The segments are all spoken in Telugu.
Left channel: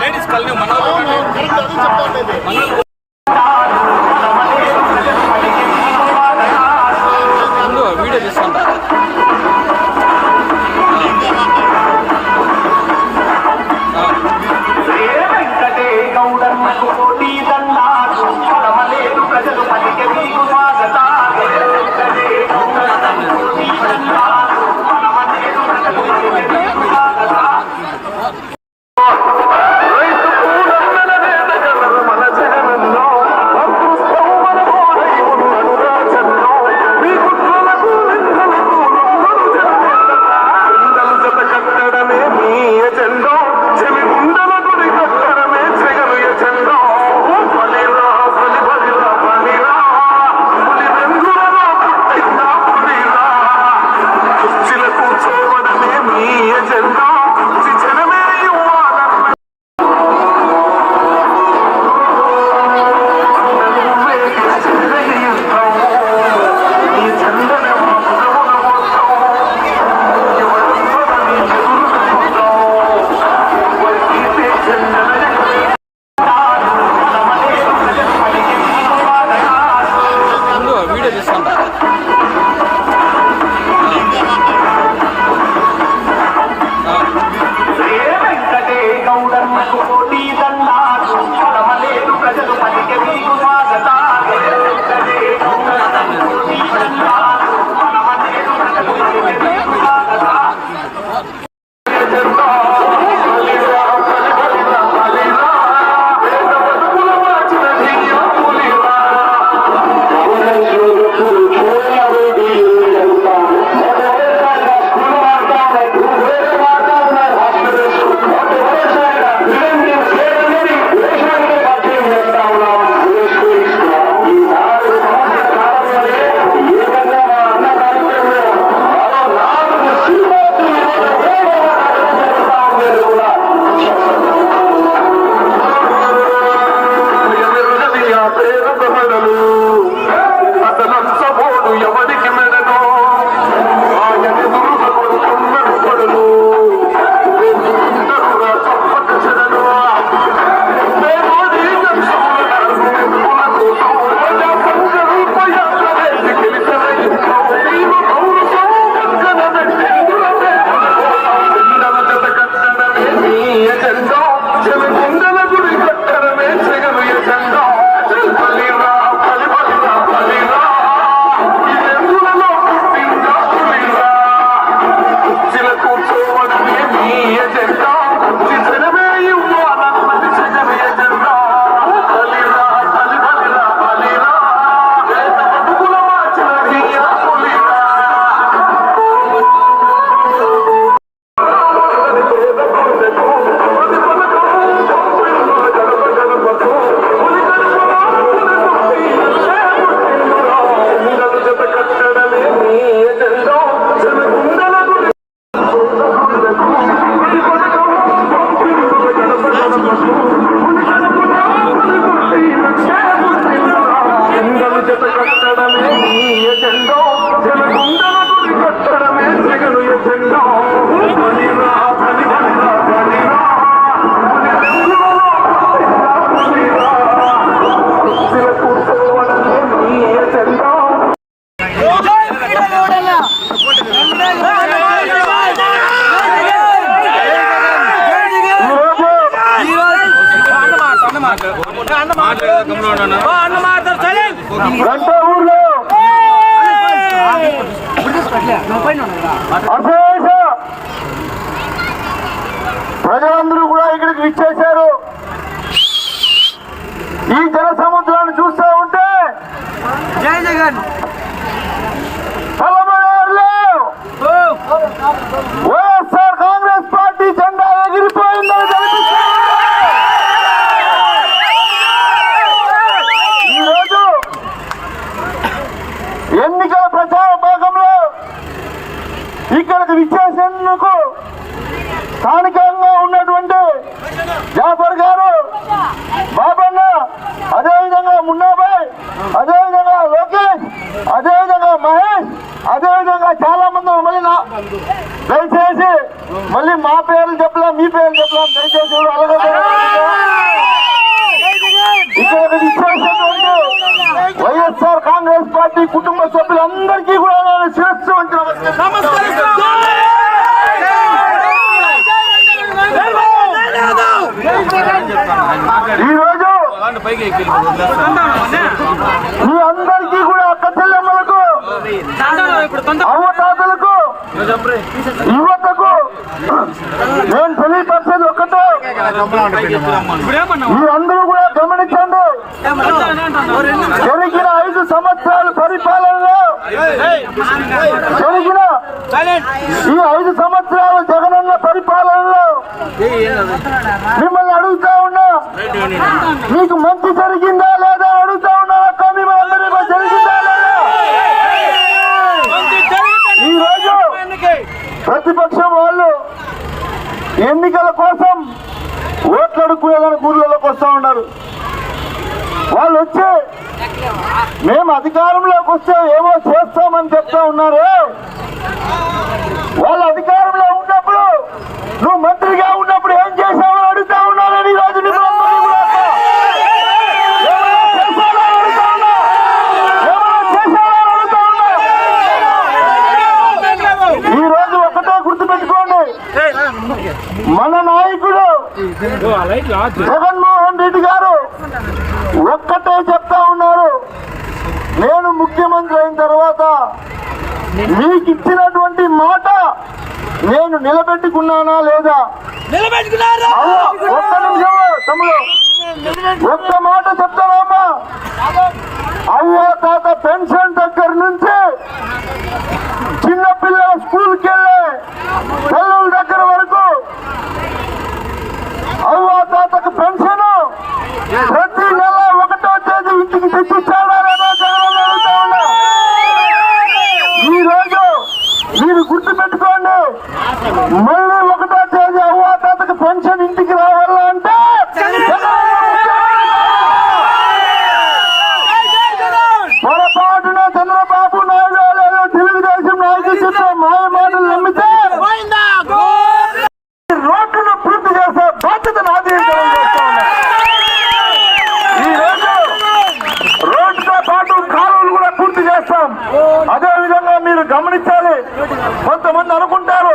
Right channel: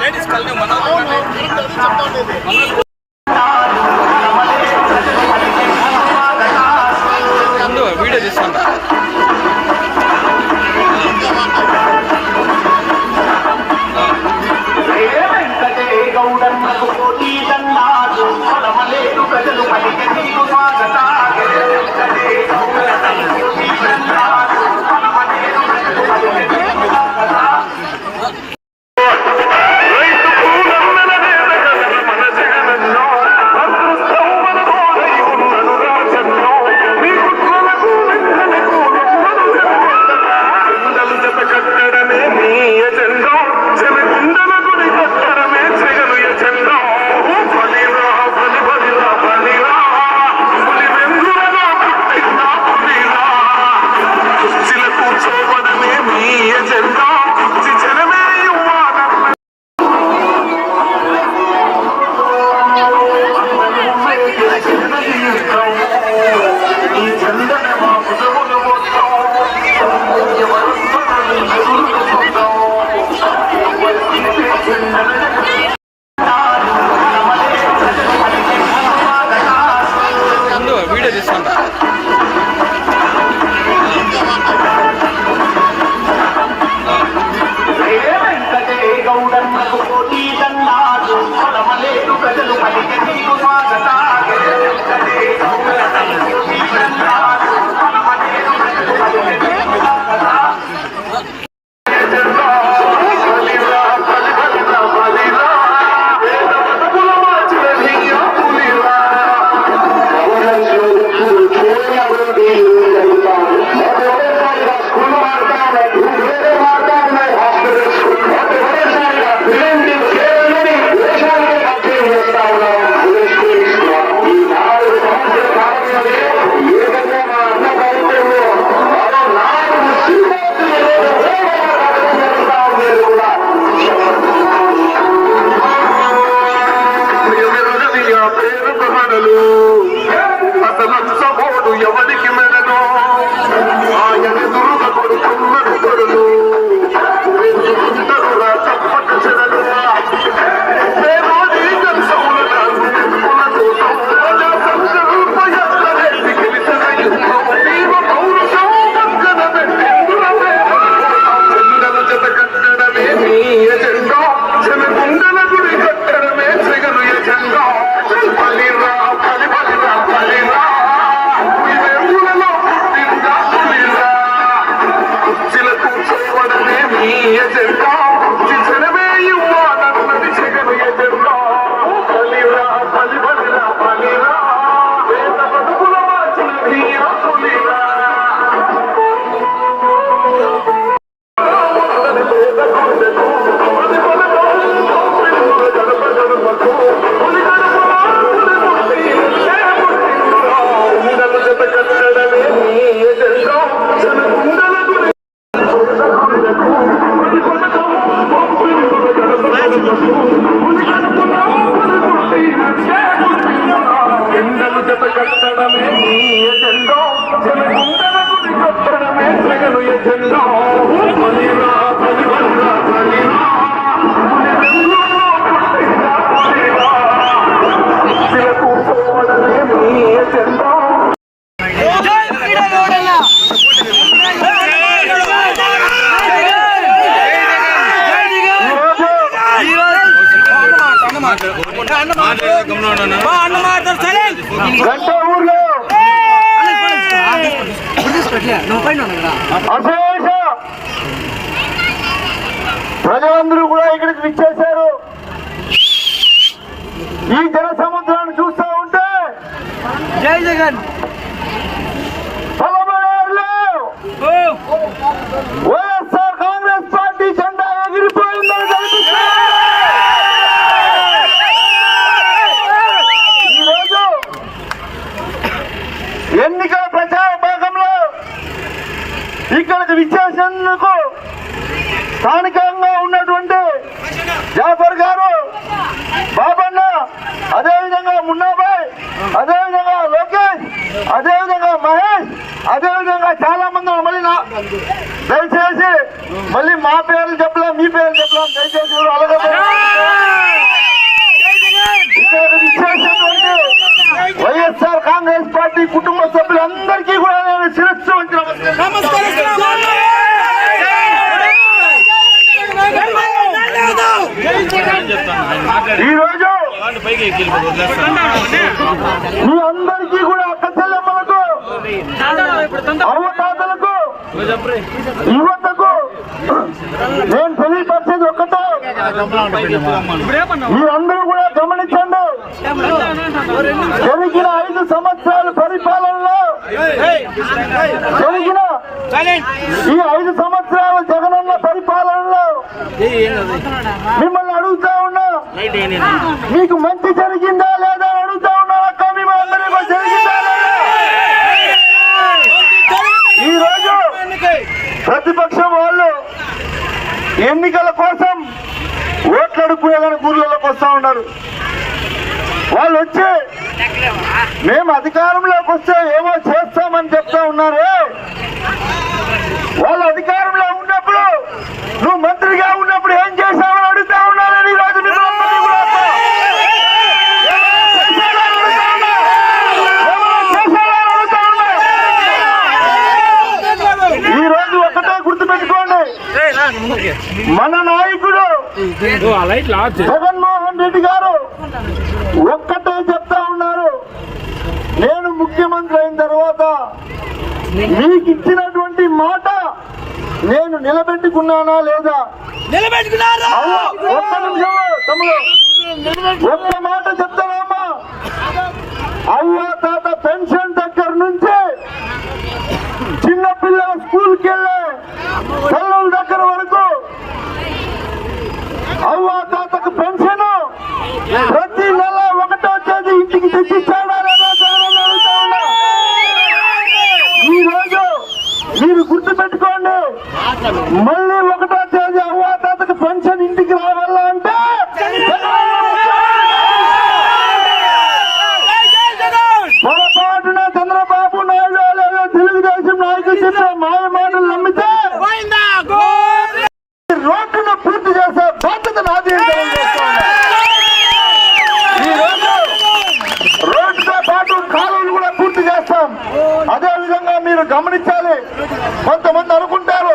లేడీస్ కల్ని మన ముందు వీడియో తీసుకుంటా. వీడియో తీసుకుంటా. ప్రజలందరూ కూడా ఇక్కడికి విచ్చేశారు. ఈ జన సముద్రాన్ని చూస్తూ ఉంటే జై జగన్ వైఎస్ఆర్ కాంగ్రెస్ పార్టీ జెండా ఎగిరిపోయిందని కనిపిస్తుంది. ఈరోజు ఎన్నికల ప్రచార భాగంలో ఇక్కడికి విచ్చేసేందుకు స్థానికంగా ఉన్నటువంటి జాఫర్ గారు, బాబన్న, అదేవిధంగా మున్నాబాయ్, అదేవిధంగా లోకేష్, అదేవిధంగా మహేష్, అదేవిధంగా చాలా మంది మళ్ళీ దయచేసి మళ్ళీ మా పేర్లు చెప్పలేం, మీ పేర్లు చెప్పలేం, దయచేసి ఎవరు అలాగే ఇక్కడ ఒక విశేషం వైఎస్ఆర్ కాంగ్రెస్ పార్టీ కుటుంబ సభ్యులందరికీ కూడా నేను శిరస్సు వంటి ఈ రోజు మీ అందరికీ కూడా అక్క చెల్లెమ్మలకు, అవ్వతాతలకు, యువతకు నేను తెలియపరిచేది ఒక్కటే, మీరందరూ కూడా గమనించండి. జరిగిన 5 సంవత్సరాల పరిపాలనలో, జరిగిన ఈ 5 సంవత్సరాల జగనన్న పరిపాలనలో మిమ్మల్ని అడుగుతా ఉన్నా, మీకు మంచి జరిగిందా లేదా అని అడుగుతా ఉన్నా అక్క, మిమ్మల్ని అందరికీ జరిగిందా లేదా? ఈ రోజు ప్రతిపక్షం వాళ్ళు ఎన్నికల కోసం ఓట్లు అడుక్కునేదానికి ఊర్లలోకి వస్తా ఉన్నారు. వాళ్ళు వచ్చి మేము అధికారంలోకి వస్తే ఏమో చేస్తామని చెప్తా ఉన్నారు. వాళ్ళు అధికారంలో ఉన్నప్పుడు నువ్వు మంత్రిగా ఉన్నప్పుడు ఏం చేశావని అడుగుతా ఉన్నారని ఈ రోజు మిమ్మల్ని కూడా ఈ రోజు ఒకటే గుర్తుపెట్టుకోండి, మన నాయకుడు జగన్మోహన్ రెడ్డి గారు ఒక్కటే చెప్తా ఉన్నారు, నేను ముఖ్యమంత్రి అయిన తర్వాత మీకు ఇచ్చినటువంటి మాట నేను నిలబెట్టుకున్నానా లేదా? ఒక్క నిమిషం తమ్ముడు, ఒక్క మాట చెప్తానమ్మా. అవ్వ తాత పెన్షన్ దగ్గర నుంచి చిన్నపిల్లల స్కూల్కి వెళ్ళే పిల్లల దగ్గర వరకు అవ్వ తాతకు పెన్షన్ ప్రతి నెల 1వ తేదీ ఇంటికి తెచ్చిచ్చాడా లేదా జగన్ అడుగుతా ఉన్నా. ఈ రోజు మీరు గుర్తుపెట్టుకోండి, మళ్ళీ 1వ తేదీ అవ్వ తాతకు పెన్షన్ ఇంటికి రావాలంటే పొరపాటున చంద్రబాబు నాయుడు లేదా తెలుగుదేశం నాయకులు చెప్పే మాయ మాటలు నమ్మితే రోడ్లను పూర్తి చేసే బాధ్యత నాది. ఈ రోజు రోడ్డుతో పాటు కాలువలు కూడా పూర్తి చేస్తాం. అదే విధంగా మీరు గమనించాలి, కొంతమంది అనుకుంటారు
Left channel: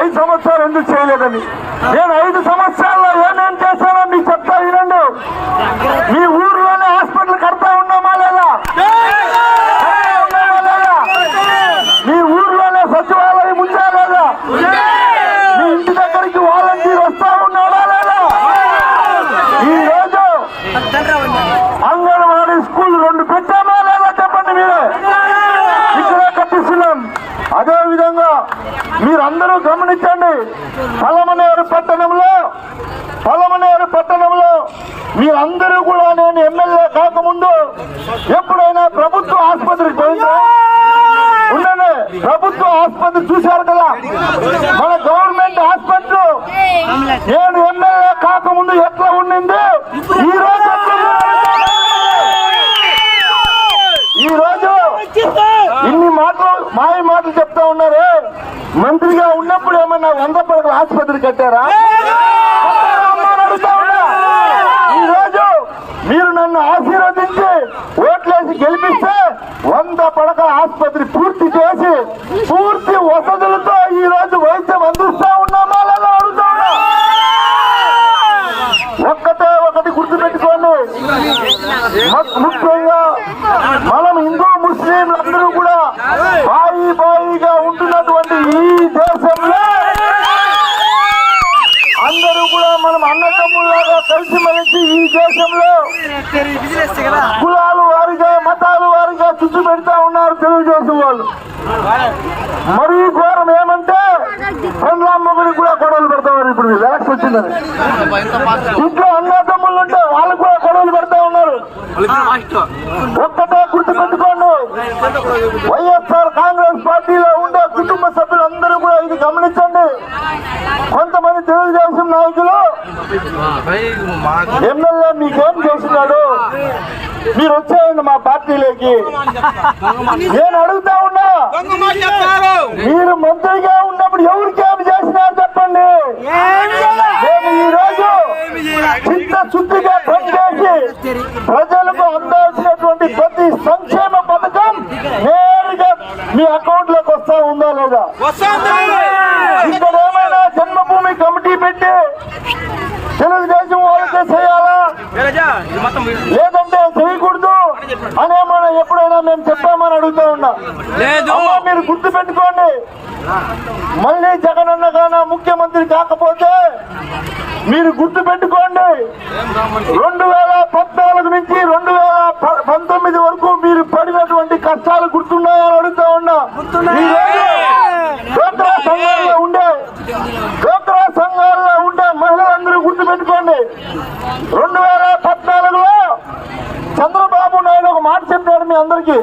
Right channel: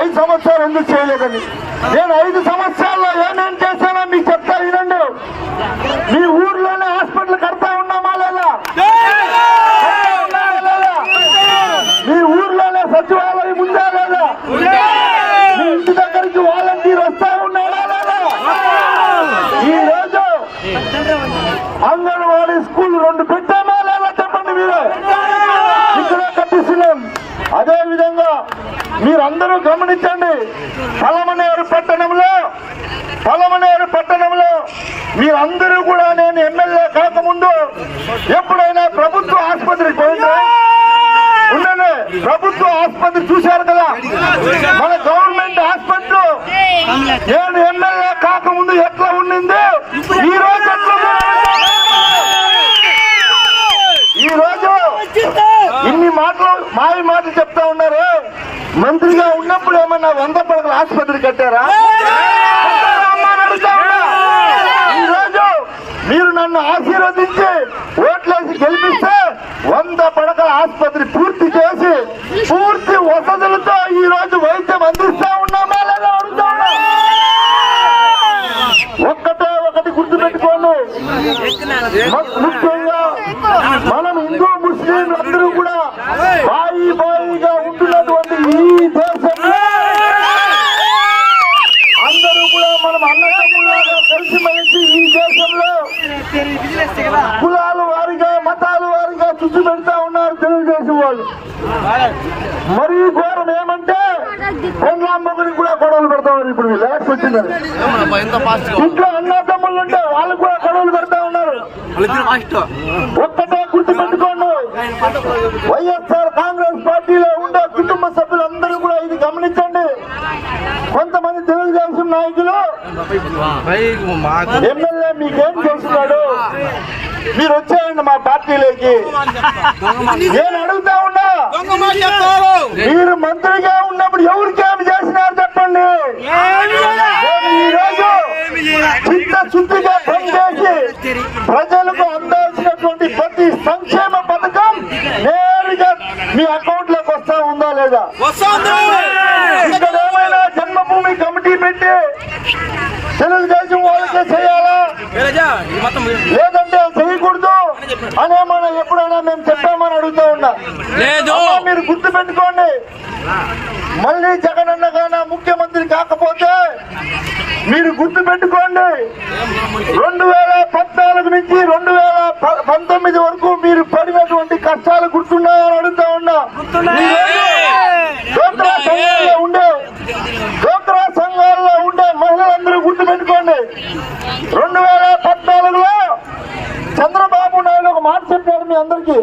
5 సంవత్సరాలు ఎందుకు చేయలేదని. నేను 5 సంవత్సరాల్లో ఏమేం చేశానో మీకు చెప్తా వినండి. మీ ఊర్లోనే హాస్పిటల్ కడతా ఉన్నామా లేదా? మీ ఊర్లోనే సచివాలయం ఉందా లేదా? మీ ఇంటి దగ్గరికి వాలంటీర్ వస్తా ఉన్నాడా లేదా? ఈ రోజు అంగన్వాడీ స్కూల్ 2 పెట్టామా లేదా చెప్పండి. మీరే ఇక్కడే కట్టిస్తున్నాం. అదే విధంగా మీరందరూ గమనించండి, పలమనేరు పట్టణంలో మీరందరూ కూడా నేను ఎమ్మెల్యే కాకముందు ఎప్పుడైనా ప్రభుత్వ ఆసుపత్రికి పోయిందా? ఉండండి, ప్రభుత్వ ఆసుపత్రి చూశారు కదా, మన గవర్నమెంట్ హాస్పిటల్ నేను ఎమ్మెల్యే కాకముందు ఎట్లా ఉండింది, ఈ రోజు ఎట్లా ఉంది? ఈ రోజు ఇన్ని మాయ మాటలు చెప్తా ఉన్నారే. మంత్రిగా ఉన్నప్పుడు ఏమన్నా 100 పడకల ఆసుపత్రి కట్టారా? అడుగుతా ఉన్నా. ఈ రోజు మీరు నన్ను ఆశీర్వదించి ఓట్లేసి గెలిపిస్తే 100 పడకల ఆసుపత్రి పూర్తి చేసి పూర్తి వసతులతో ఈ రోజు వైద్యం అందిస్తా ఉన్నామా లేదా అడుగుతా ఉన్నా. ఒకటి గుర్తుపెట్టుకోండి, ముఖ్యంగా మనం హిందూ ముస్లింలందరూ కూడా బాయిగా ఉంటున్నటువంటి ఈ దేశంలో అందరూ కూడా మనం అన్నదమ్ములాగా కలిసిమెలిసి ఈ దేశంలో కులాల వారిగా మతాల వారిగా చుచ్చు పెడతా ఉన్నారు తెలుగుదేశం వాళ్ళు. మరీ ఘోరం ఏమంటే పెండ్లామ్మగుడికి కూడా గొడవలు పెడతామని ఇప్పుడు ఎలక్షన్ వచ్చిందని. ఇంట్లో అన్నదమ్ములు ఉంటే వాళ్ళకు కూడా గొడవలు పెడతా ఉన్నారు. ఒక్కటే గుర్తుపెట్టుకోండి, వైఎస్ఆర్ కాంగ్రెస్ పార్టీలో ఉండే కుటుంబ సభ్యులందరూ కూడా ఇది గమనించండి. కొంతమంది తెలుగుదేశం నాయకులు ఎమ్మెల్యే మీకేం చేస్తున్నాడు, మీరు వచ్చేయండి మా పార్టీలోకి. నేను అడుగుతా ఉన్నా, మీరు మంత్రిగా ఉన్నప్పుడు ఎవరికేమి చేసినారు చెప్పండి. నేను ఈ రోజు చిత్తశుద్ధిగా పనిచేసి ప్రజలకు అందాల్సినటువంటి ప్రతి సంక్షేమ పథకం నేరుగా మీ అకౌంట్ లోకి వస్తా ఉందా లేదా? ఇక్కడ ఏమైనా జన్మభూమి కమిటీ పెట్టి తెలుగుదేశం వాళ్ళకే చేయాలా లేదంటే చేయకూడదు అని ఏమైనా ఎప్పుడైనా మేము చెప్పామని అడుగుతా ఉన్నా. అమ్మా, మీరు గుర్తు పెట్టుకోండి, మళ్ళీ జగనన్న గాన ముఖ్యమంత్రి కాకపోతే మీరు గుర్తు పెట్టుకోండి, 2014 నుంచి 2019 వరకు మీరు పడినటువంటి కష్టాలు గుర్తున్నాయని అడుగుతా ఉన్నా. డ్వాక్రా సంఘాల్లో ఉండే మహిళలందరూ గుర్తు పెట్టుకోండి, 2014లో చంద్రబాబు నాయుడు ఒక మాట చెప్పాడు మీ అందరికీ,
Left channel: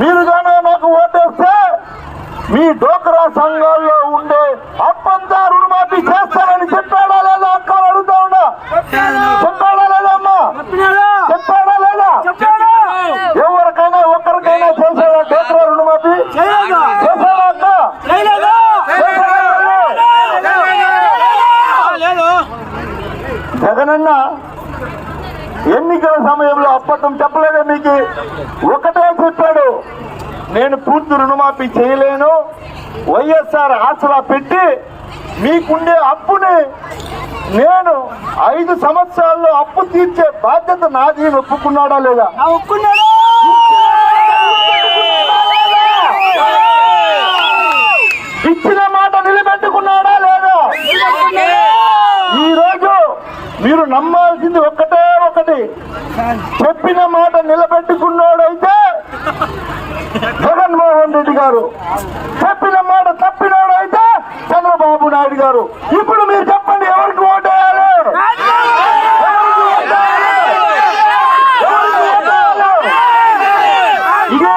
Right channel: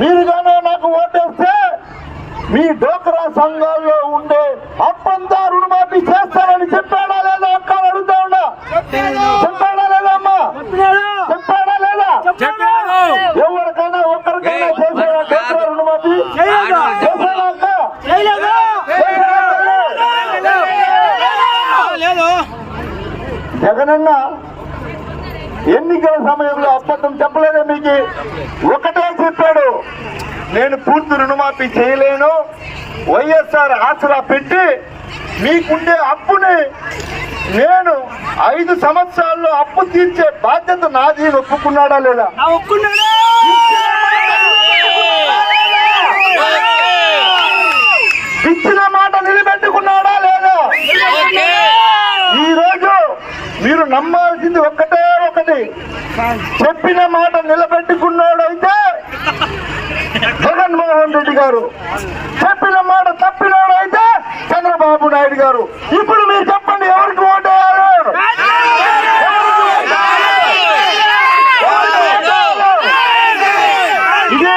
మీరు కానీ నాకు ఓటేస్తే మీ డ్వాక్రా సంఘాల్లో ఉండే అప్పంతా రుణమాఫీ చేస్తానని చెప్పాడా లేదా అక్క అడుగుతా ఉన్నా. చెప్పాడా లేదా అమ్మా? చెప్పాడా లేదా? ఎవరికైనా ఒక్కరికైనా చేశాడా డ్వాక్రా రుణమాఫీ? చేశాడా అక్క? జగనన్న ఎన్నికల సమయంలో అబద్ధం చెప్పలేదా మీకు? ఒకటే చెప్పాడు, నేను పూర్తి రుణమాఫీ చేయలేను, వైఎస్ఆర్ ఆసరా పెట్టి మీకుండే అప్పుని నేను 5 సంవత్సరాల్లో అప్పు తీర్చే బాధ్యత నాది ఒప్పుకున్నాడా లేదా? ఇచ్చిన మాట నిలబెట్టుకున్నాడా లేదా? ఈ రోజు మీరు నమ్మాల్సింది ఒకటే ఒకటి, చెప్పిన మాట నిలబెట్టుకున్నాడైతే జగన్మోహన్ రెడ్డి గారు, చెప్పిన మాట తప్పినాడైతే చంద్రబాబు నాయుడు గారు. ఇప్పుడు మీరు చెప్పండి, ఎవరికి ఓటేయాలి? ఇదే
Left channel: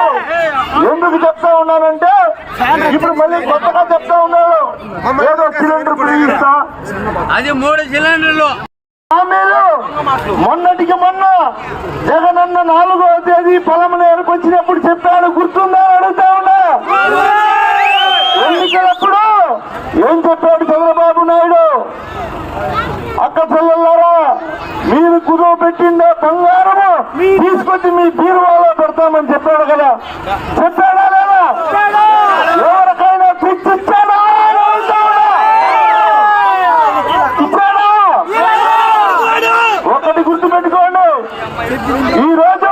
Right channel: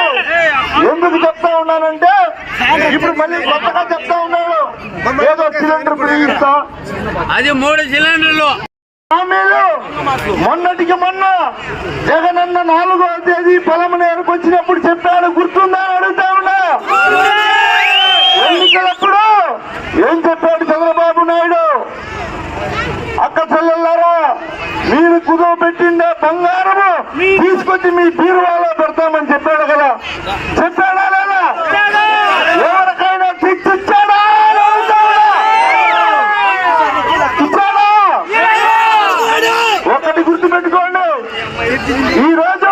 ఎందుకు చెప్తా ఉన్నానంటే, ఇప్పుడు మళ్ళీ కొత్తగా చెప్తా ఉన్నాడు, ఏదో సిలిండర్ ఫ్రీ ఇస్తా, అది 3 సిలిండర్లు మొన్నటికి మొన్న జగనన్న 4వ తేదీ పొలంనేరుకు వచ్చినప్పుడు చెప్పాడు, గుర్తుందా అడుగుతా ఉన్నా. ఎన్నికలప్పుడు ఏం చెప్పాడు చంద్రబాబు నాయుడు? అక్క చెల్లెల్లారా, మీరు కుదువ పెట్టిండే బంగారము తీసుకొచ్చి మీ బీరువాలో పెడతామని చెప్పాడు కదా, చెప్పాడా లేదా? ఎవరికైనా ఇచ్చాడా? ఒకటి గుర్తు పెట్టుకోండి, ఈ రోజు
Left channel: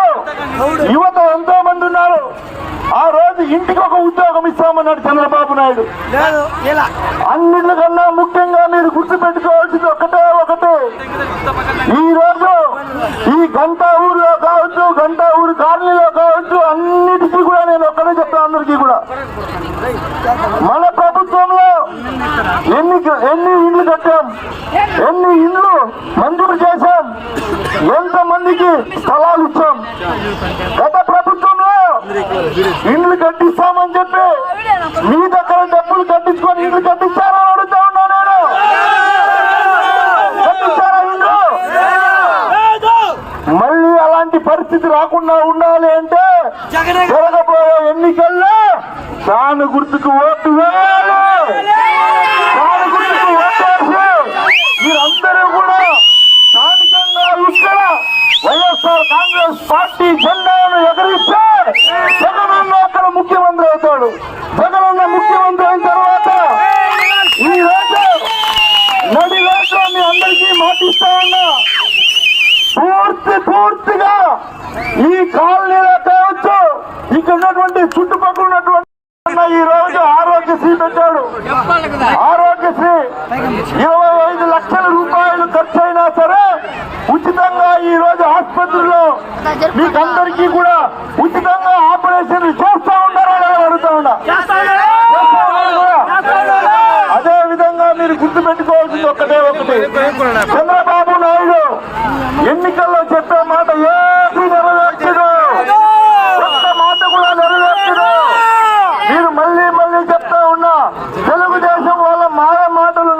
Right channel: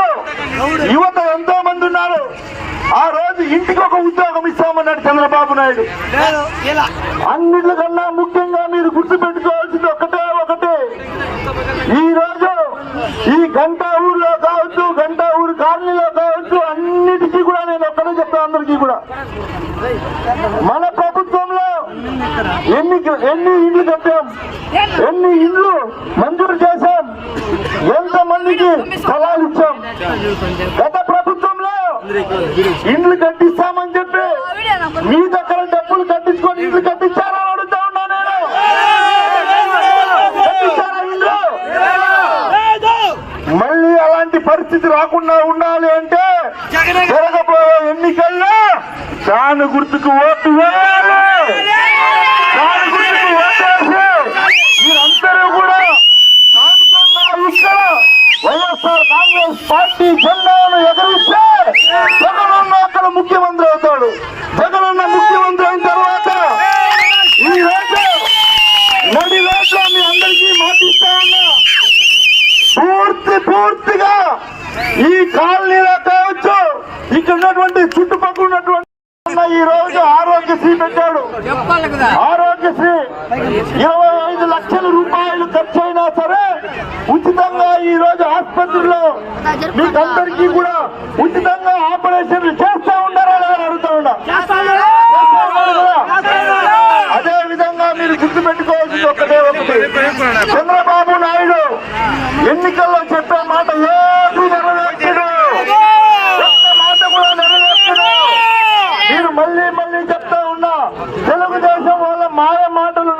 యువత ఎంతో మంది ఉన్నారు. ఆ రోజు ఇంటికి ఒక ఉద్యోగం ఇస్తామన్నాడు చంద్రబాబు నాయుడు. అన్నిటికన్నా ముఖ్యంగా మీరు గుర్తు పెట్టుకోవాల్సింది ఒకటే ఒకటి, ఈ రోజు ఈ గంటా ఊరిలో కావచ్చు, గంటా ఊరి కాలనీలో కావచ్చు, అన్నిటికీ కూడా నేను ఒక్కడే చెప్తాను అందరికీ కూడా, మన ప్రభుత్వంలో ఎన్ని ఇండ్లు కట్టాం, ఎన్ని ఇండ్లు మంజూరు చేశాం, ఎంతమందికి స్థలాలు ఇచ్చాం. గత ప్రభుత్వంలో ఇండ్లు కట్టిస్తామని చెప్పి మీ దగ్గర డబ్బులు కట్టించుకొని ఇండ్లు కట్టించారా అడుగుతా ఉన్నా నేను. కట్టించారా ఇండ్లు? మళ్ళీ అలాంటి పరిస్థితి రాకుండా ఉండాలి అంటే జరగబోయే ఎన్నికల్లో దాని గుర్తుకు ఓటు వేయాలి. దాని గుర్తుకు ఓటేసి మీరందరూ కూడా స్థానికంగా ఇక్కడ వైఎస్ఆర్ కాంగ్రెస్ పార్టీ జెండాను ఎగరిస్తే జగనన్న అక్కడ ముఖ్యమంత్రి అవుతాడు. జగనన్న ముఖ్యమంత్రి అయిన తర్వాత ఈ రోజు మోడీ రోజు మీ అందరికీ మాటిస్తా ఉన్నా, పూర్తిగా ఈ కాలనీలో కావచ్చు, ఇక్కడ ఉన్నటువంటి చుట్టుపక్కల ఉన్నటువంటి ఈ రోజు ఆరోగ్యశ్రీ పెట్టాడు. ఆరోగ్యశ్రీ 25 లక్షల రూపాయలు ఖర్చు అయినా సరే ఉచితంగా ఈ రోజు ఆసుపత్రిలో మీకందరికీ కూడా ఉచితంగా ఆపరేషన్లు చేస్తా ఉన్నారా లేదా అడుగుతా ఉన్నా. అదే విధంగా మీరు గుర్తు పెట్టుకోవాల్సింది ఒకటే ఒకటి, చంద్రబాబు నాయుడు ఎన్నికల్లో చెప్పే మాట ఏది నెరవేర్చడు, ఒక్క మాట కూడా నెరవేర్చడు. మీరు మళ్ళీ చెప్తా ఉన్నా, తెలుగుదేశం వాళ్ళ మాయ మాటలు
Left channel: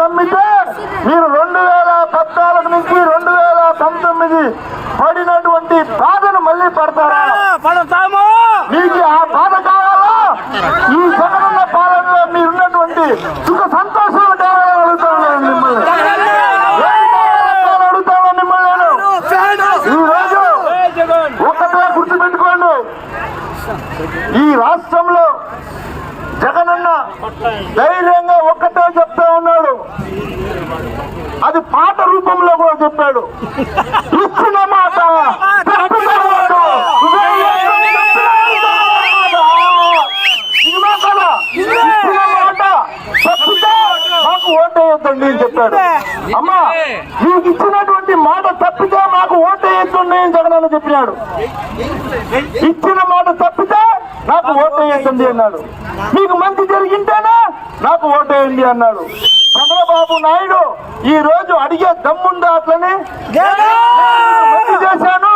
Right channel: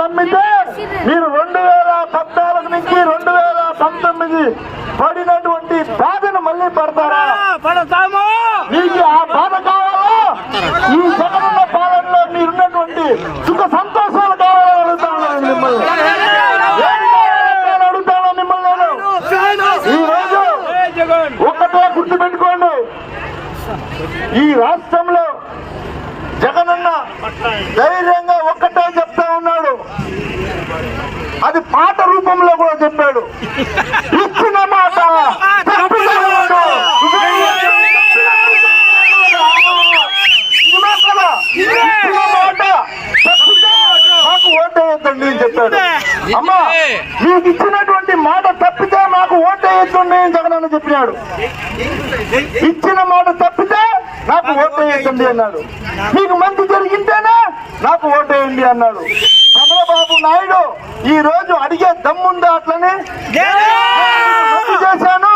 మీకు ఆ బాధ కావాలా? ఈ జగనన్న పాలనలో మీరున్నటువంటి సుఖ సంతోషాలు కావాలని అడుగుతాను మిమ్మల్ని. అడుగుతాను మిమ్మల్ని నేను. ఈ రోజు ఒక్కటే గుర్తుపెట్టుకోండి, ఈ రాష్ట్రంలో జగనన్న ధైర్యంగా ఒక్కటే చెప్తా ఉన్నాడు, అది పాట రూపంలో కూడా చెప్పాడు. ఇచ్చిన మాట తప్పిన మాట. ఇదిగో కదా, ఇచ్చిన మాట తప్పితే మాకు ఓటేయొద్దండి అని చెప్పాడు. అమ్మా, మీకు ఇచ్చినటువంటి మాట తప్పితే మాకు ఓటేయొద్దండి అని జగనన్న చెప్పినాడు. ఇచ్చిన మాట తప్పితే నాకు ఓటేయొద్దండి అన్నాడు. మీకు మంచి జరిగింటేనే నాకు ఓటేయండి అన్నాడు. చంద్రబాబు నాయుడు ఈ రోజు అడిగే దమ్ముందా? అట్లని మంచి చేశాను,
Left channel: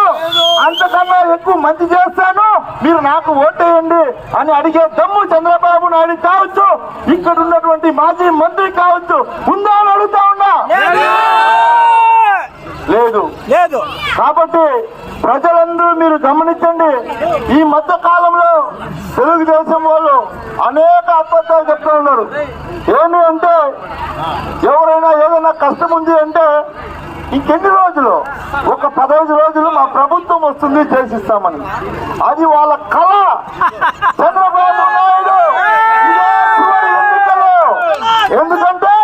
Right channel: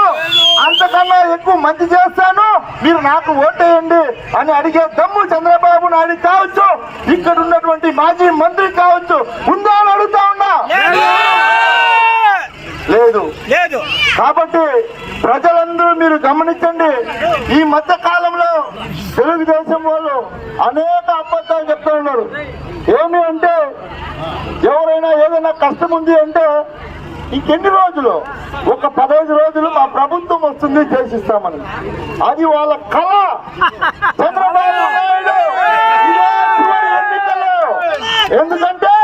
అంతకన్నా ఎక్కువ మంచి చేస్తాను, మీరు నాకు ఓటేయండి అని అడిగే దమ్ము చంద్రబాబు నాయుడు కావచ్చు, ఇక్కడ ఉన్నటువంటి మాజీ మంత్రి కావచ్చు, ఉందా అని అడుగుతా ఉన్నా. లేదు. కాబట్టి ప్రజలందరూ మీరు గమనించండి, ఈ మధ్య కాలంలో తెలుగుదేశం వాళ్ళు అనేక అబద్ధాలు చెప్తూ ఉన్నారు. ఏమి అంటే, ఎవరైనా ఏదైనా కష్టం ఉంది అంటే ఇంకెన్ని రోజులు, ఒక 15 రోజులు మా ప్రభుత్వం వస్తుంది చేసిస్తామని. అది వాళ్ళ కళ. చంద్రబాబు నాయుడు ఇదే చివరి ఎన్నికల్లో, ఎందుకంటే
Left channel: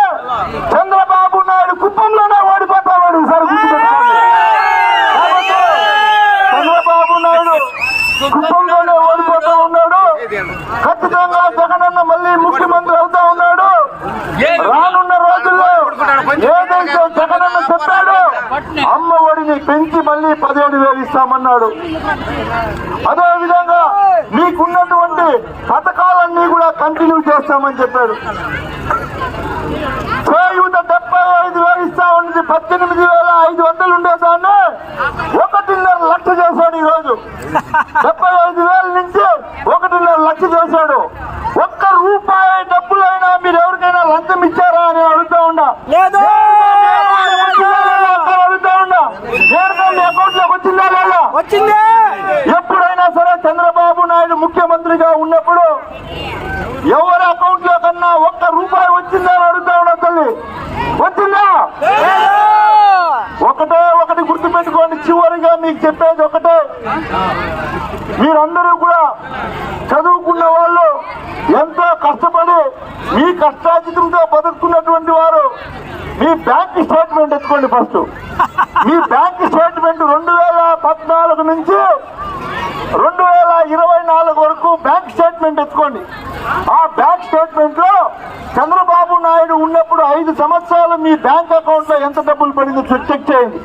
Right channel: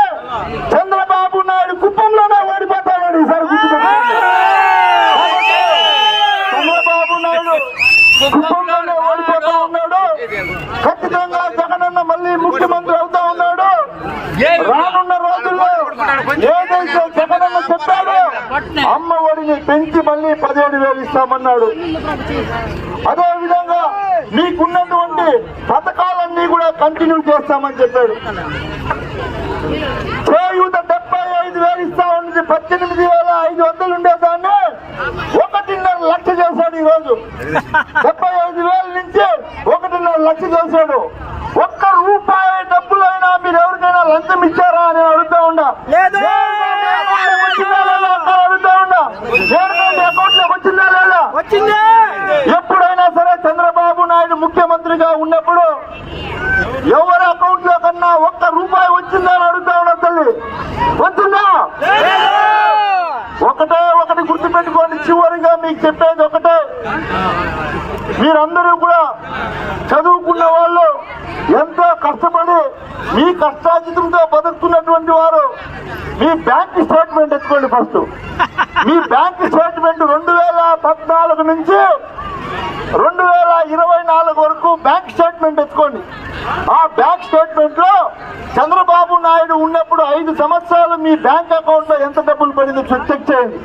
చంద్రబాబు నాయుడు కుప్పంలోనే ఓడిపోతాడు ఈసారి, గుర్తుపెట్టుకోండి. చంద్రబాబు నాయుడు కుప్పంలోనే ఓడిపోతా ఉన్నాడు. ఖచ్చితంగా జగనన్న మళ్ళీ ముఖ్యమంత్రి అవుతా ఉన్నాడు. రానున్న రోజుల్లో ఏదైతే జగనన్న చెప్పాడో, అమ్మ ఒడిని పెంచి మళ్ళీ 17,000 ఇస్తామన్నాడు. అదే విధంగా మీకున్నటువంటి పథకాలన్నీ కూడా కంటిన్యూ చేస్తామని చెప్పాడు. చేయూత 75,000 ఇస్తామని 18,500 ఉండేదాన్ని 1.5 లక్ష చేశాడు. ఈ రోజు 75,000 నుంచి 1.5 లక్ష చేశాడు. ఒక్క రూపాయి డబ్బులైనా మీరు ఎవరికైనా లంచం ఇచ్చారా అని అడుగుతా ఉన్నా. అడుగుతా ఉన్నా, అకౌంట్ లోకి వచ్చిందా లేదా? ఎప్పుడైనా సరే చంద్రబాబు నాయుడు ముఖ్యమంత్రిగా ఉన్నప్పుడు ఎవరి అకౌంట్ లో కన్నా ఒక్క రూపాయి వచ్చిందా అని అడుగుతా ఉన్నా. తల్లి, వచ్చిందా? ఒకటి గుర్తుపెట్టుకోండి. చివరిగా మీకు చెప్పేది ఒకటే, మీరందరూ కూడా చదువుకున్న వాళ్ళు, ఎంతో కష్టపడి మీ కష్టాజితంతో బతుకుతున్నటువంటి వారు, మీ బ్యాంక్ స్టేట్మెంట్ ఎత్తుకోండి. ఫస్ట్ మీ బ్యాంక్ స్టేట్మెంట్ 2014 నుంచి 2024 వరకు బ్యాంక్ స్టేట్మెంట్ ఎత్తుకోండి. ఆ బ్యాంక్ స్టేట్మెంట్ లో చంద్రబాబు నాయుడు ఉన్నప్పుడు 5 సంవత్సరాలు మీ బ్యాంక్ అకౌంట్ లో ఎంత డబ్బులు పడిందో చెక్ చేయండి.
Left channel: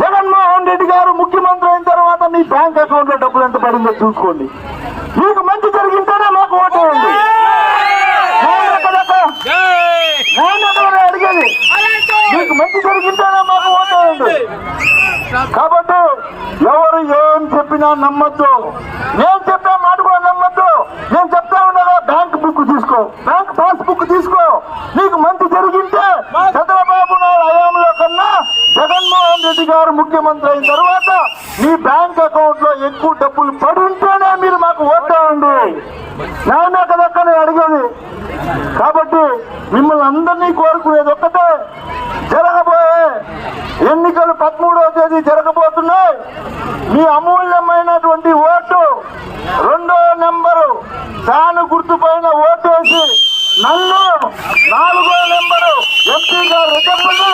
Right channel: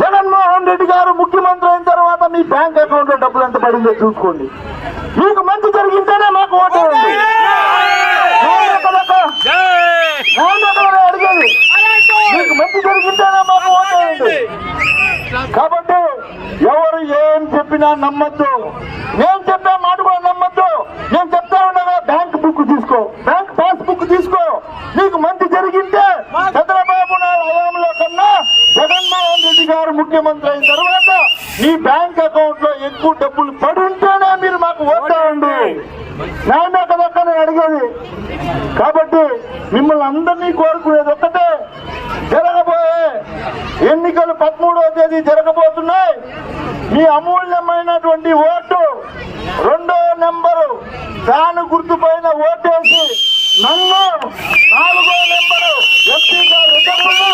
జగన్మోహన్ రెడ్డి గారు ముఖ్యమంత్రి అయిన తర్వాత మీ బ్యాంక్ అకౌంట్ లో డబ్బులు ఎంత పడిందో చూసుకోండి. మీకు మంచి జరిగింటేనే మాకు ఓటేయండి. అడిగేది, మీకు మంచి జరిగింటేనే మాకు ఓటేయండి. కాబట్టి ఎవరు ఏం చెప్పినా నమ్మద్దు. నేను చెప్పే మాట కూడా నమ్మద్దు. నేను చెప్తా ఉండగా బ్యాంక్ బుక్ తీసుకో, బ్యాంక్ పాస్ బుక్ తీసుకో. నీకు మంచి జరిగింటే చంద్రబాబు నాయుడు హయాంలో కన్నా జగన్మోహన్ రెడ్డి గారు ముఖ్యమంత్రి అయిన తర్వాత మీ బ్యాంక్ అకౌంట్ లో ఎక్కువ డబ్బులు పడి ఉంటేనే మీరు మాకు ఓటేయండి. నాయనే కదక్క నేను అడిగేది. కాబట్టి మిమ్మల్ని అందరినీ కోరుకునేది ఒక్కటే, జరగబోయే ఎన్నికలు 13వ తేదీ జరగబోతున్నాయి. మీ అమూల్యమైనటువంటి ఓటు 2వ నెంబరు ఫ్యాన్ గుర్తు పైన ఓటేసి నన్ను 4వ నెంబరు ఎంపీగా రెడ్డప్పను